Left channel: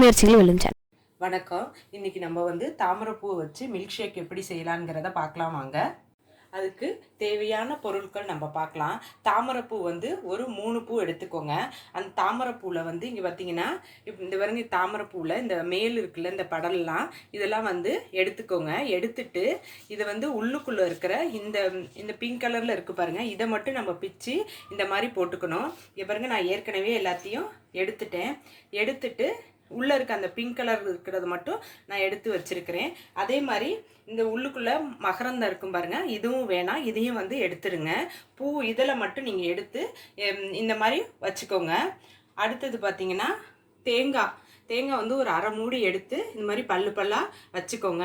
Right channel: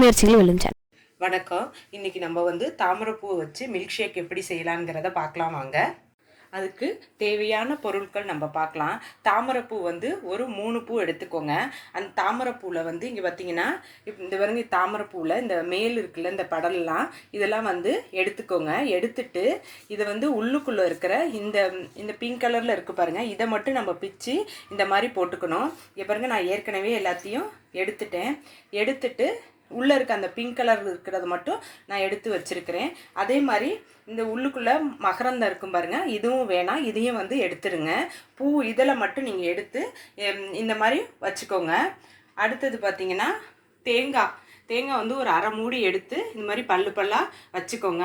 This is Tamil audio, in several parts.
முயற்சிகள் வணக்கம். இன்னைக்கு நம்ம வந்து தாமரைப்பூ வச்சு மில்க் ஷேக் எப்படி செய்யலாங்கிறத பார்க்கலாம் வாங்க. அதுக்கு தேவையான பொருட்கள் நம்ம பார்க்கலாம். தாமரைப்பூ வந்து ஒரு மூணு பூ எடுத்துக்கோங்க. அந்த தாமரைப்பூவில் வந்து இங்கே பார்த்தீங்கன்னா இந்த பாருங்க தாமரைப்பூவில் இந்த மேல் இருக்குல்ல இந்த படல்லாம் இதெல்லாம் வந்து எடுத்துக்கோங்க. எடுத்துட்டு இதை வந்து உள்ளுக்குள்ளே இருக்கிற இந்த இந்த பிங்க் கலரில் இருக்குது பாருங்கள் இதை மட்டும் நம்ம பிச்சு இந்த மாதிரி போட்டுக்கணும். இங்க பாருங்கள் நான் ஏற்கனவே எல்லாத்தையும் எடுத்துட்டேன். எடுத்துட்டு உள்ளே இருக்க அந்த பிங்க் கலர் இருக்கிறது மட்டும் நான் எடுத்து வச்சுருக்கிறேன். அதே மாதிரி இந்த உள்ளுக்குள்ளே மகரந்தம் இருக்கும் பாருங்கள் இதுவும் வேணாம். இதையும் வந்து எடுத்துருங்க பூ இதில் மட்டும் நீங்கள் எடுத்து இந்த மாதிரி வச்சுக்கோங்க. அடுத்தது பார்த்தீங்கன்னா தேங்காய். தேங்காய் வந்து ஒரு அரை மூடி எடுத்து இந்த மாதிரி பல்லு பல்லாக வச்சுக்கோங்க.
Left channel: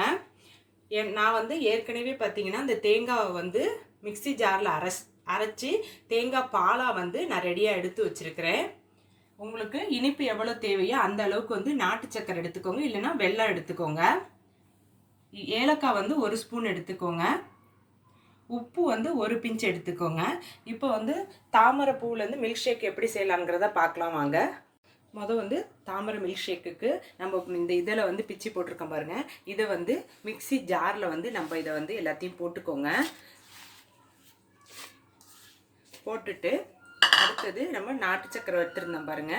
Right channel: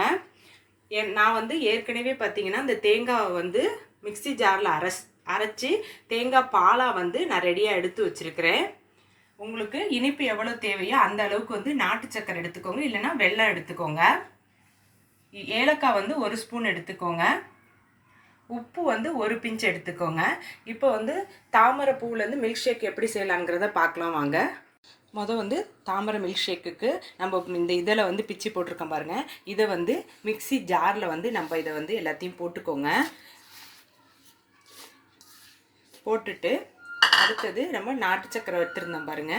என் நான் வந்து ஏற்கனவே பார்த்தீங்கன்னா இந்த தேங்காவை வந்து மிக்ஸி ஜாரில் அரைச் அரைச்சி தேங்காய் பாலாக வந்து நான் ரெடியாக எடுத்து வச்சுருக்கிறேன். உங்களுக்கு இனிப்பு எவ்வளோ தேவையோ அந்த அளவுக்கு வந்து நாட்டு சக்கரை எடுத்துக்கோங்க. இல்லைன்னா வெள்ளம் எடுத்துக்கோங்க. ஏலக்காய் வந்து ஒரு ஸ்பூன் எடுத்துக்கோங்க. உப்பு வந்து ஒரு பிஞ்ச் எடுத்துக்கோங்க. இப்போ வந்து தாமரை பூவிலேருந்து மில்க் ஷேக் எப்படி செய்யலாங்கிறத பார்க்கலாம் வாங்க. மொதல் வந்து தாமரை மில்க் ஷேக்குக்கு நம்ம இந்த இதில் வந்து பிச்சு போட்டிருக்கோம் பாருங்கள் இதை வந்து மிக்ஸி ஜாரில் வந்து நம்ம இதை வந்து எல்லாத்தையும் போட்டுக்கோங்க. போட்டுட்டு அடுத்தது நம்ம நாட்டு சக்கரை வச்சுருந்தோம் பாருங்க.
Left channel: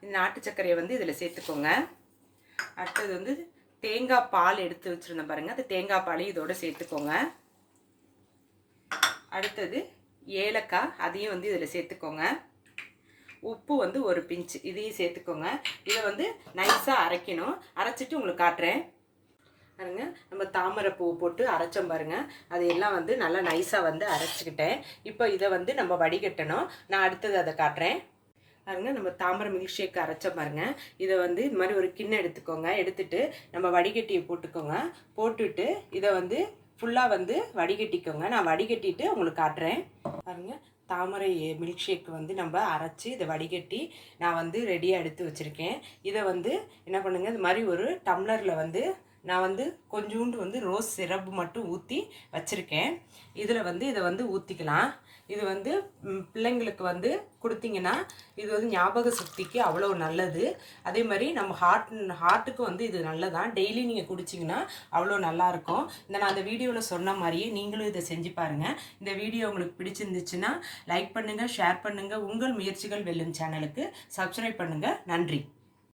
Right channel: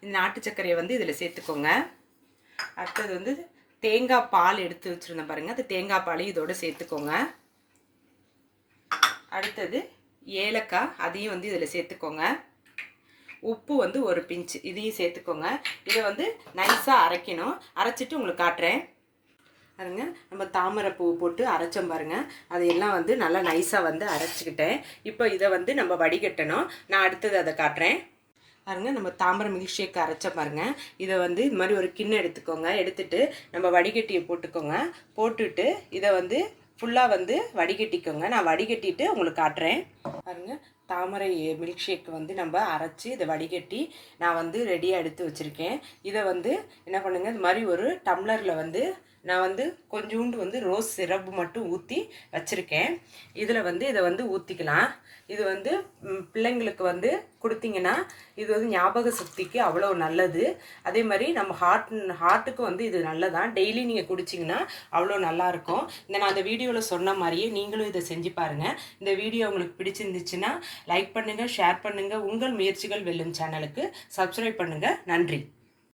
இந்த நாட்டு சர்க்கரையை வந்து இதில் சேர்த்துக்கோங்க. அடுத்தது வந்து தேங்காய் பால் எடுத்து வச்சுருந்தோம் பாருங்கள் அந்த தேங்காய் பாலையும் இதோட சேர்த்துக்கோங்க. அடுத்தது ஏலக்காய் அதையும் வந்து இதில் சேர்த்துக்கோங்க. உப்பு வந்து ஒரு பிஞ்ச் இதையும் சேர்த்துக்கோங்க. இதை வந்து நைஸாக அரைக்கணும். அரைச்சிட்டு உங்களுக்கு காட்டுறேன். பாருங்க. நம்ம தாமரை பூ போட்டு அரைச்சோம் பாருங்க. அதையெல்லாம் வந்து நல்லா நைஸாக வந்து அரைச்சிக்கிட்டேன். இப்போ இதை வந்து நம்ம வடிகட்டணும். நான் அடுத்தது அதை காட்டுறேன். பாருங்க நம்ம தாமரை மில்க் ஷேக் அரைச்ச பாருங்க. இதை வந்து இது மாதிரி ஒரு கிண்ணம் எடுத்துக்கோங்க. எடுத்துட்டு நம்ம வடிகட்டியை போட்டுக்கோங்க. போட்டுட்டு இதை வந்து ஃபுல்லாக வந்து வடிகட்டிக்கோங்க. நான் வடிகட்டிட்டு உங்களுக்கு காட்டுறேன். பாருங்க தாமரை மில்க் ஷேக் வந்து நம்ம அரைச்சி இதை வடிகட்டி நான் வந்து ரெடியாக எடுத்து வச்சுருக்கேன். இதை வந்து என்ன பண்ணுங்கள் இது மாதிரி ஒரு டம்ளரில் வந்து நான் வந்து கொஞ்சோண்டு வந்து ரோஸ் சிரப் மட்டும் ஊற்றி வச்சுருக்கேன். இதில் வந்து இதை வந்து ஊற்றிக்கலாம் இது வந்து பிள்ளைங்களுக்கு வந்து கொடுத்தீங்கன்னா இது வந்து ஞாபக சக்திக்கு அவ்வளோ நல்லது. அதே மாதிரி நம்ம ஹார்ட் ஹார்ட்டுக்கு வந்து இது நல்லதான் டெய்லி நீங்கள் குடிச்சிங்கன்னா அவ்வளோ நல்லாயிருக்கும் இந்த நான் அந்த வீடியோவில் சொன்ன மாதிரியே நீங்களும் இதை செஞ்சு பாருங்கள் இந்த வீடியோ உங்களுக்கு பிடிச்சிருந்துச்சுன்னா லைக் பண்ணுங்கள் ஷேர் பண்ணுங்கள் உங்கள் முயற்சிகள் வெல்லும் சேனலுக்கு சப்ஸ்கிரைப் பண்ணுங்கள் நன்றி.